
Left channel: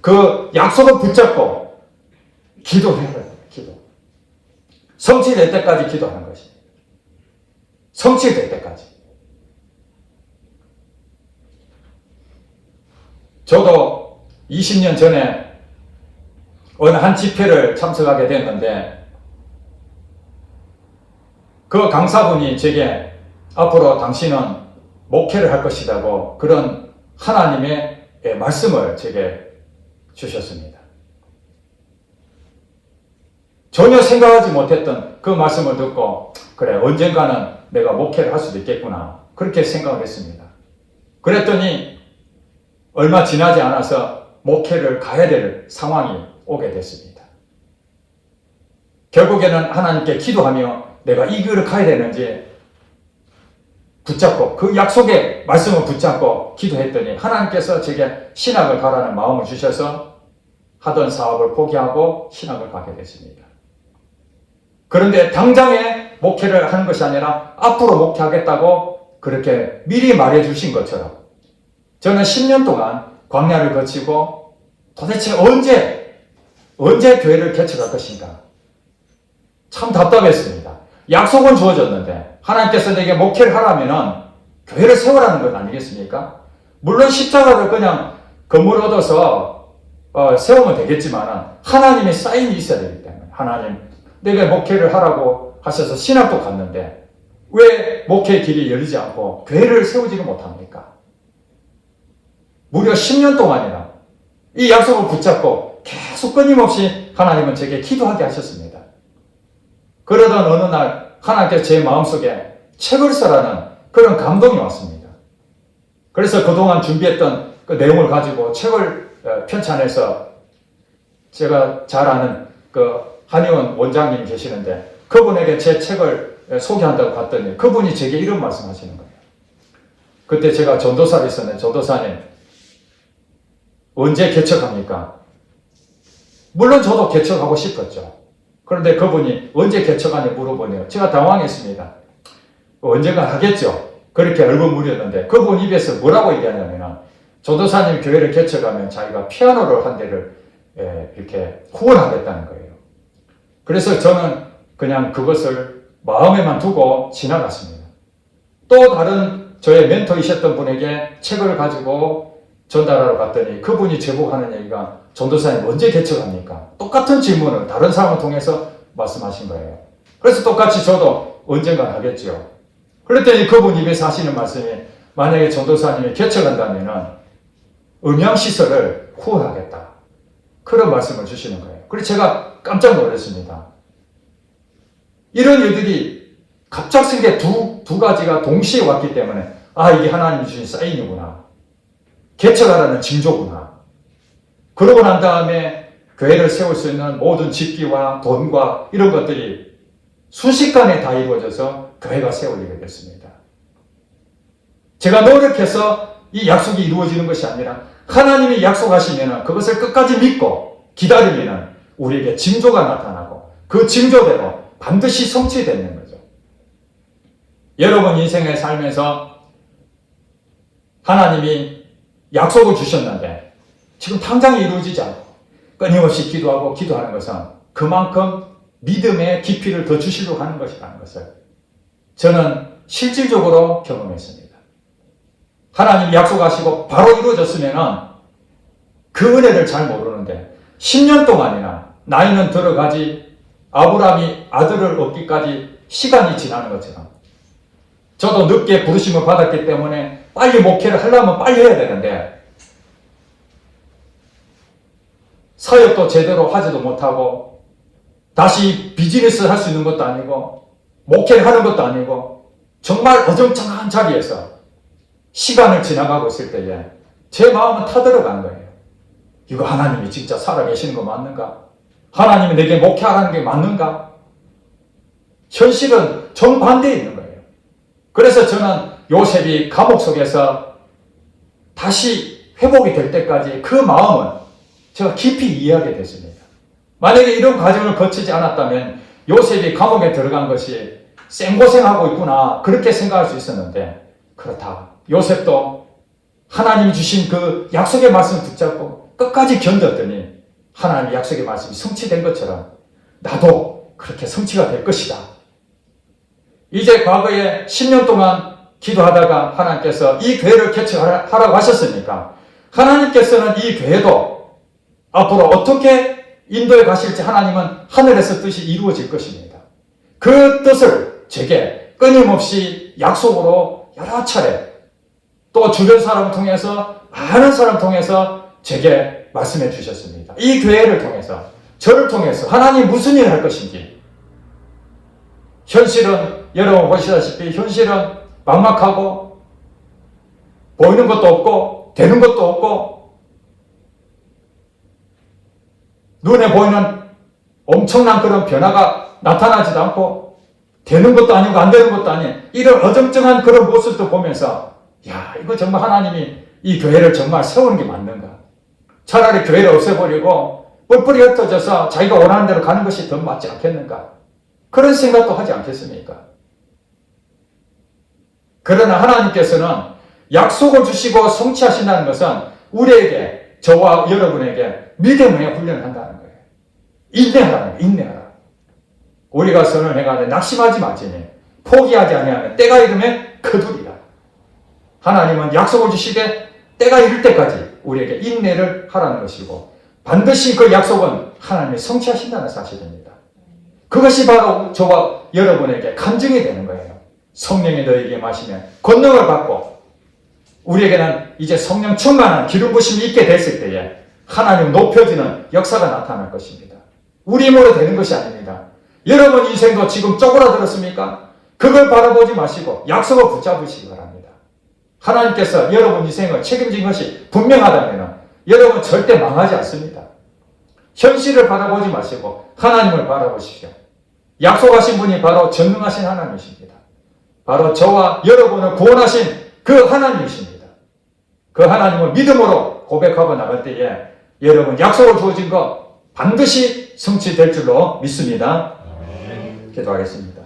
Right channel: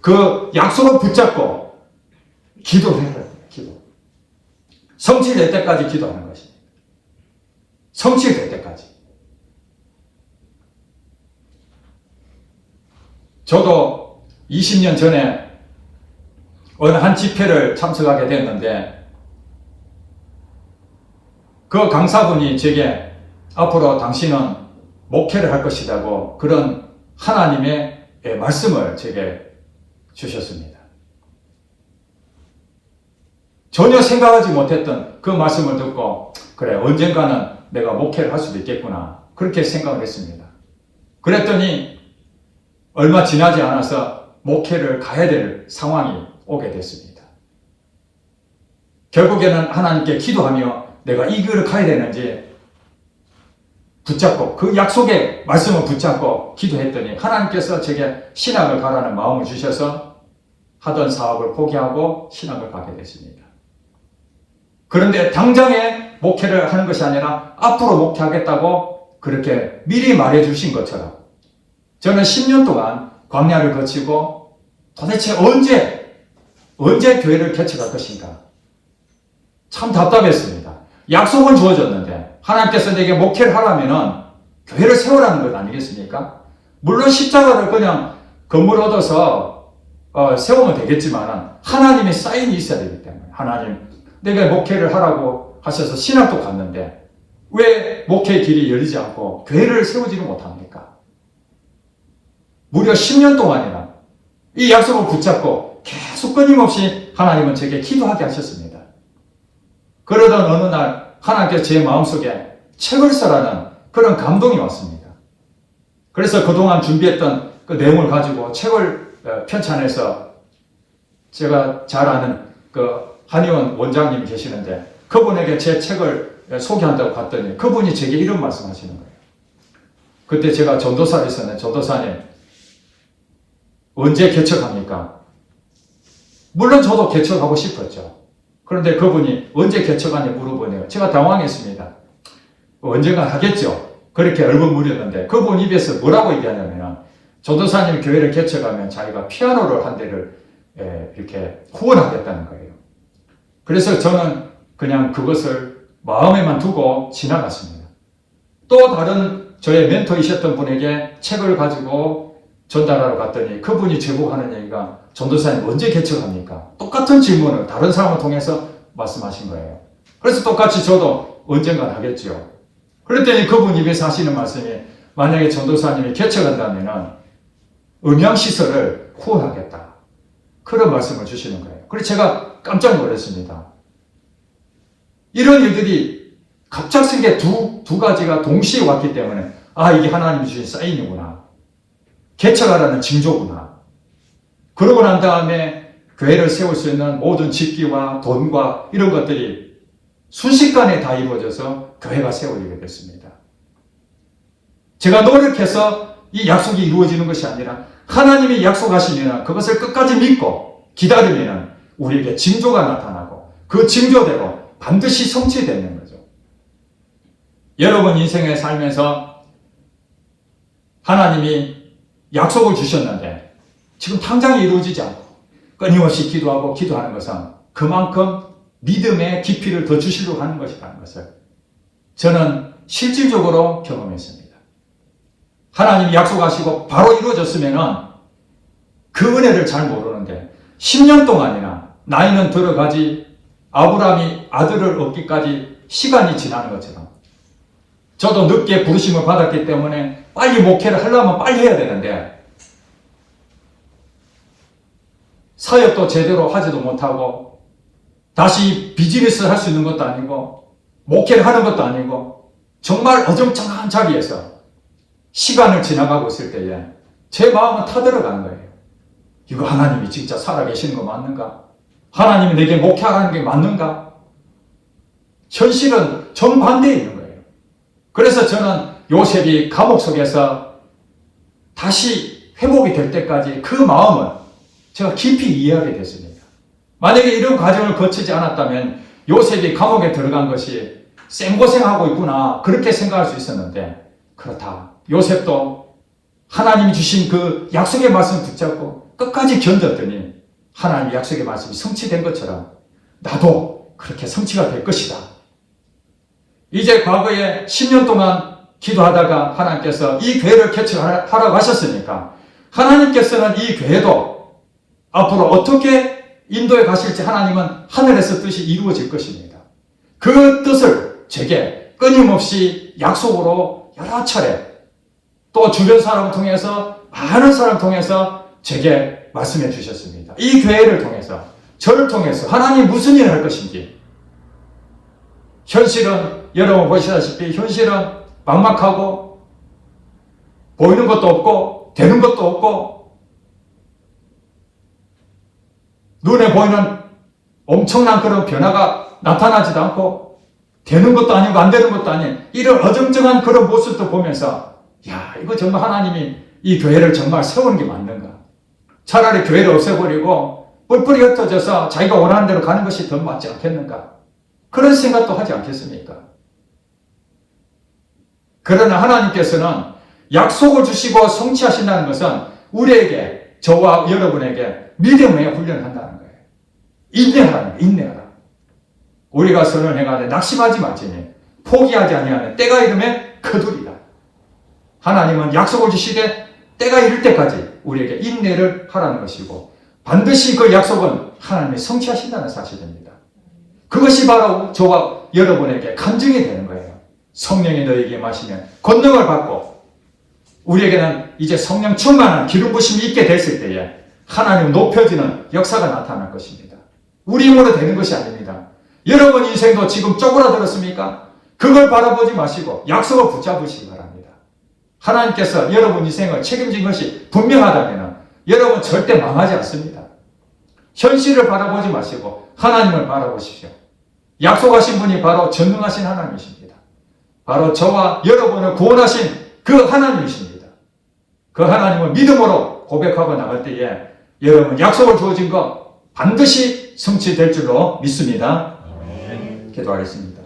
그 약속을 붙잡고 기도해야 돼요. 기도. 성취될 때까지 기도하는 것입니다. 성취될 때까지. 저도 20년 전에 어느 한 집회를 참석하게 됐는데 그 강사분이 제게 앞으로 당신은 목회를 할 것이라고 그런 하나님의 말씀을 제게 주셨습니다. 전혀 생각하지 못했던 그 말씀을 듣고 그래, 언젠가는 내가 목회를 할 수도 있겠구나, 그렇게 생각을 했습니다. 그랬더니 얼마 지나지 않아서 목회를 가야 될 상황이 오게 됐습니다. 결국에는 하나님께 기도하며 내가 이 길을 가야 되는지 붙잡고 그 약속의 말씀을 붙잡고 기도했더니 하나님께서 제게 신학을 가라는 마음을 주셔서 하던 사업을 포기하고 신학을 가게 됐습니다. 그런데 당장에 목회를 하는 것이 아니라 앞으로 목회하겠다고 그렇게 미리 말해 주신 것처럼 저는 10년 동안 광야를 거치고 도대체 언제 교회를 개척할 것인가? 참 답답했습니다. 약속은 주어졌는데 하나님께서 내게 목회를 하라면은 교회를 세우라는 것 아니겠습니까? 물론 십자가를 그냥 건물 얻어서 세우면 되겠지만은 하나님의 사인이 있어야 되기 때문에 하나님, 내가 목회를 하라고 하셔서 신학도 갔는데 왜 목회의 길이 열리지 않고 교회를 세우지를 못합니까? 무려 10년 동안이나 이 약속을 붙잡고 계속 끊임없이 하나님은 제게 기도하게 하셨습니다. 그러던 어느 날 하나님께서 제 마음속에 책을 써라는 그런 감동이 왔습니다. 그래서 그동안 준비했던 그 내용을 가지고 책을 편찬해서 제가 잘 아는 그 한의원 원장님 계시는데 그분에게 제 책을 소개한다고 갔더니 그분이 제게 이런 말씀 하시는 거예요. 그때 제가 전도사를 있었는데, 전도사님 언제 개척합니까? 물론 저도 개척하고 싶었죠. 그런데 그분이 언제 개척하냐 물어보네요. 제가 당황했습니다. 언젠가 하겠죠. 그렇게 얼버무렸는데 그분 입에서 뭐라고 얘기하냐면 전도사님 교회를 개척하면 자기가 피아노를 한 대를 이렇게 후원하겠다는 거예요. 그래서 저는 그냥 그것을 마음에만 두고 지나갔습니다. 또 다른 저의 멘토이셨던 분에게 책을 가지고 전달하러 갔더니 그분이 제보고 하는 얘기가 전도사님 언제 개척합니까? 똑같은 질문을 다른 사람을 통해서 말씀하신 거예요. 그래서 똑같이 저도 언젠간 하겠죠. 그랬더니 그분 입에서 하시는 말씀이 만약에 전도사님이 개척한다면은 음향시설을 후원하겠다. 그런 말씀을 주시는 거예요. 그래서 제가 깜짝 놀랐습니다. 이런 일들이 갑작스럽게 두 가지가 동시에 왔기 때문에 이게 하나님 주신 사인이구나. 개척하라는 징조구나. 그러고 난 다음에 교회를 세울 수 있는 모든 집기와 돈과 이런 것들이 순식간에 다 이루어져서 교회가 세워지게 됐습니다. 제가 노력해서 이 약속이 이루어지는 것이 아니라 하나님이 약속하시면 그것을 끝까지 믿고 기다리면 우리에게 징조가 나타나고 그 징조대로 반드시 성취되는 거죠. 여러분 인생에 살면서 하나님이 약속을 주셨는데 지금 당장 이루어지지 않고 끊임없이 기도하고 기도하는 것은 그만큼 믿음의 깊이를 더 주시려고 하는 것이라는 것을 저는 실질적으로 경험했습니다. 하나님이 약속하시고 바로 이루어졌으면 그 은혜를 잘 모르는데 10년 동안이나 나이는 들어가지 아브라함이 아들을 얻기까지 시간이 지나는 것처럼 저도 늦게 부르심을 받았기 때문에 빨리 목회를 하려면 빨리 해야 되는데 사역도 제대로 하지도 못하고 다시 비즈니스 할 수 있는 것도 아니고 목회를 하는 것도 아니고 정말 어정쩡한 자리에서 시간을 지나가고 있을 때에 제 마음은 타들어간 거예요. 이거 하나님이 진짜 살아계시는 거 맞는가? 하나님이 내게 목회하라는 게 맞는가? 현실은 정반대에 있는 거예요. 그래서 저는 요셉이 감옥 속에서 다시 회복이 될 때까지 그 마음을 제가 깊이 이해하게 됐습니다. 만약에 이런 과정을 거치지 않았다면 요셉이 감옥에 들어간 것이 생고생하고 있구나 그렇게 생각할 수 있었는데 그렇다. 요셉도 하나님이 주신 그 약속의 말씀을 붙잡고 끝까지 견뎠더니 하나님의 약속의 말씀이 성취된 것처럼 나도 그렇게 성취가 될 것이다. 이제 과거에 10년 동안 기도하다가 하나님께서 이 교회를 개척하라고 하셨으니까 하나님께서는 이 교회도 앞으로 어떻게 인도에 가실지 하나님은 하늘에서 뜻이 이루어질 것입니다. 그 뜻을 제게 끊임없이 약속으로 여러 차례 또 주변 사람을 통해서 많은 사람을 통해서 제게 말씀해 주셨습니다. 이 교회를 통해서 저를 통해서 하나님 무슨 일을 할 것인지 현실은 여러분 보시다시피 현실은 막막하고 보이는 것도 없고 되는 것도 없고 눈에 보이는 엄청난 그런 변화가 나타나지도 않고 되는 것도 아니고 안 되는 것도 아닌 이런 어정쩡한 그런 모습도 보면서 야 이거 정말 하나님이 이 교회를 정말 세우는 게 맞는가? 차라리 교회를 없애버리고 뿔뿔이 흩어져서 자기가 원하는 대로 가는 것이 더 맞지 않겠는가? 그런 생각도 하지 않겠습니까? 그러나 하나님께서는 약속을 주시고 성취하신다는 것은 우리에게 저와 여러분에게 믿음의 훈련을 한다는 거예요. 인내하라. 인내하라. 우리가 선언해가지고 낙심하지 말지니 포기하지 아니하면 때가 이르면 거두리라. 하나님은 약속을 주시되 때가 이를 때까지 우리에게 인내를 하라는 것이고 반드시 그 약속은 하나님이 성취하신다는 사실입니다. 그것이 바로 저와 여러분에게 간증이 되는 거예요. 성령이 너에게 마시면 권능을 받고 우리에게는 이제 성령 충만한 기름 부심이 있게 됐을 때에 하나님 높여지는 역사가 나타날 것입니다. 우리 힘으로 되는 것이 아닙니다. 여러분 인생도 지금 쪼그라들었습니까? 그걸 바라보지 마시고 약속을 붙잡으시기 바랍니다. 하나님께서 여러분 인생을 책임진 것이 분명하다면 여러분 절대 망하지 않습니다. 현실을 바라보지 마시고 하나님을 바라보십시오. 약속하신 분이 바로 전능하신 하나님이십니다. 바로 저와 여러분을 구원하신 그 하나님이십니다. 그 하나님을 믿음으로 고백하고 나갈 때에 여러분 약속을 주어진 것 반드시 성취될 줄로 믿습니다. 기도하겠습니다.